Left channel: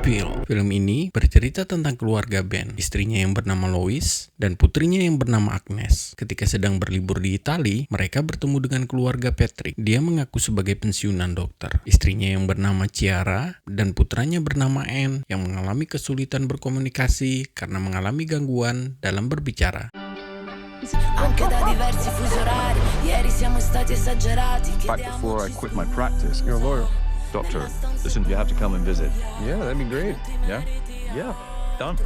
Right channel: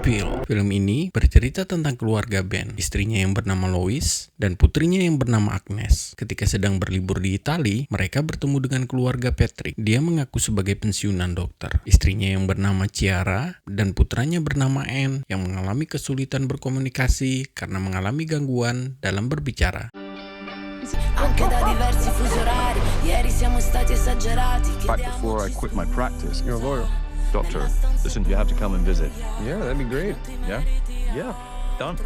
Peel. Film ini bercerita tentang keluarga Ben, istrinya yang bernama Lois, dan putrinya yang bernama Agnes. Ketika sedang berlibur di Italia, mereka bertemu dengan keluarga Patrick. Dia mengaku sebagai pensiunan dokter. Istrinya yang bernama Ciara, dan putranya bernama Anne, yang mengalami kesulitan berkomunikasi karena mengalami gangguan dalam berbicara. Anche da diversi fusi orari, ieri siamo stati esagerati. Back before I quit my practice. You're a lawyer. Doctor, listen, you have to come and visit. Yeah, that'd be great. Yeah? Yeah. Done.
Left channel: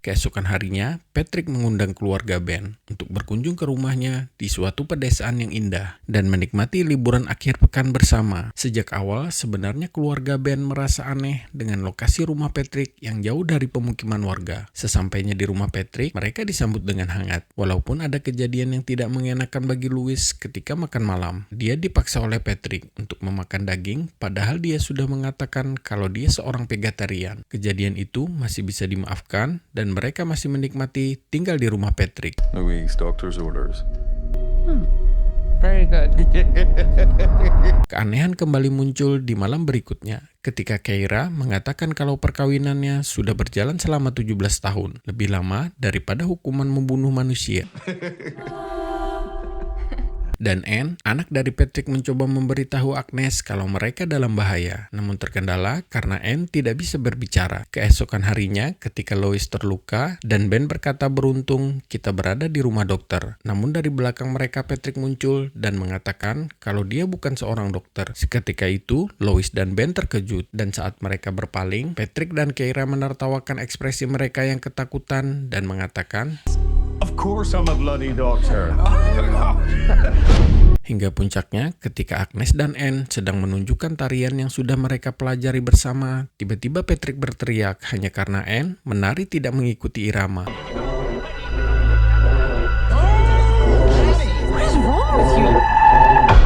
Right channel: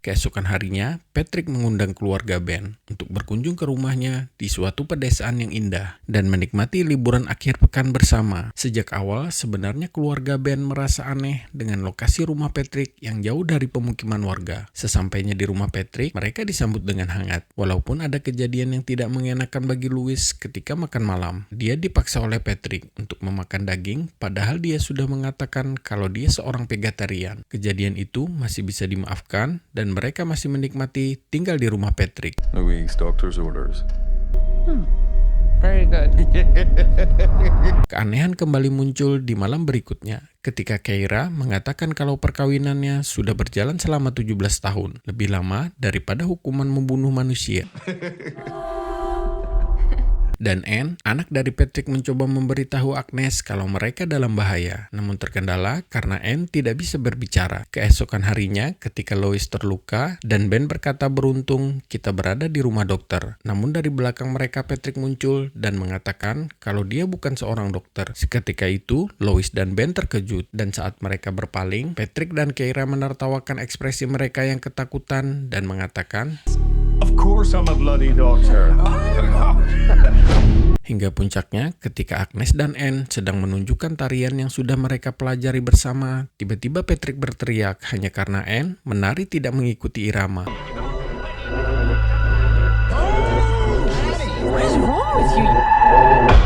Keesokan harinya, Patrick mengundang keluarga Ben untuk berkunjung ke rumahnya di suatu pedesaan yang indah dan menikmati liburan akhir pekan bersama. Sejak awal, sebenarnya keluarga Ben merasa aneh dengan lokasi rumah Patrick yang jauh dari pemukiman warga. Sesampainya di rumah Patrick, mereka disambut dengan hangat. Walaupun ada kejadian yang tidak mengenakan bagi Louis ketika makan malam. Dia dipaksa oleh Patrick untuk memakan daging, padahal dia sudah mengatakan kalau dia seorang vegetarian. Kejadian itu masih bisa dimaafkan dan mereka masih menikmati tinggal di rumah Patrick. Louise, doctor's orders. Very good. Keanehan kembali muncul di malam berikutnya ketika Keira mengatakan kalau perkawinannya sudah berjalan selama 17 tahun, lebih lama daripada hukuman membunuh manusia. Dan Anne, anak dari Patrick, mencoba memberitahu Agnes kalau mereka dalam bahaya, namun terkendala karena Anne tidak bisa berbicara. Keesokan harinya, ketika Lois terluka dan Ben berkata beruntung kita berada di rumah dokter. Namun dari belakang mereka Patrick muncul dan mengatakan kalau dia bukan seorang dokter. Seketika itu, Lois dan Ben terkejut dan saat mereka berpaling, Patrick dan Keira menertawakan ekspresi mereka yang ketakutan dan mengatakan, Of course I'm a bloody doctor. Hingga puncaknya, ketika Agnes dan Anne sedang menunjukkan tarian yang sudah mereka pelajari bersama, tiba-tiba Patrick berteriak hanya karena Anne menari tidak mengikuti irama.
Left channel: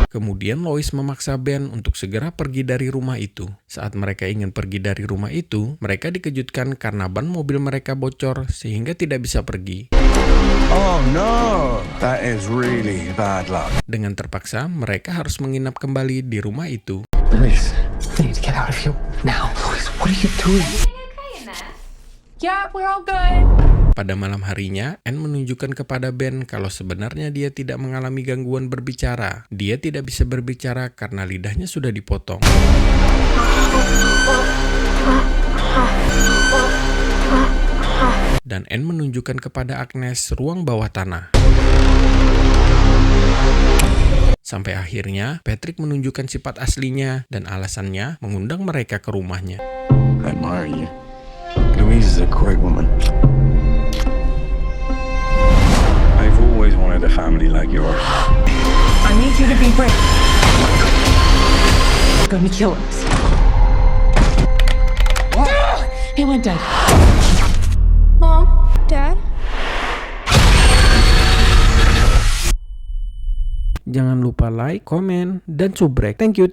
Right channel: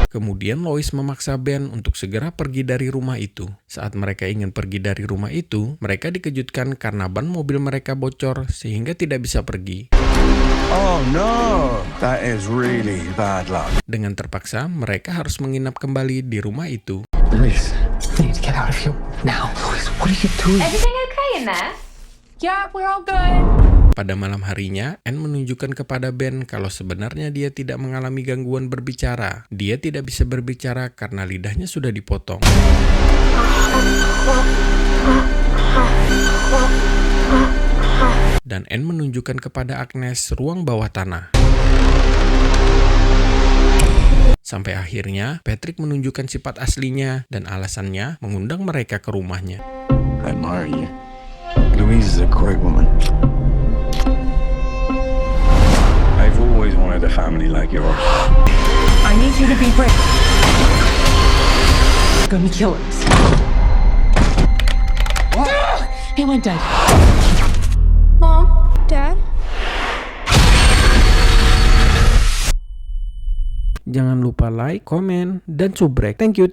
Kemudian Lois memaksa Ben untuk segera pergi dari rumah itu. Saat mereka ingin pergi dari rumah itu, mereka dikejutkan karena ban mobil mereka bocor sehingga tidak bisa pergi. Oh no, that is really bad luck. Dengan terpaksa, mereka harus menginap kembali di rumah itu. Louise, we need to get out of here now. Louise, what are you doing? Everything okay in there? Yeah, we're all good. Pada malam harinya, Anne menunjukkan kepada Ben kalau sebenarnya dia tidak mengalami gangguan berbicara. Dia tidak bisa berbicara karena lidahnya sudah dipotong. Dan Anne menunjukkan kepada Agnes ruang bawah tanah. Sampai akhirnya, Patrick menunjukkan sifat aslinya dan alasannya mengundang mereka ke rumahnya. I admire you. Louise is a great woman. I've always wanted a family like yours. I need you to be brave. We're gonna kill us. He went dead. Mom? Dad? Jangan lupa like, komen, dan subrek. Thank you.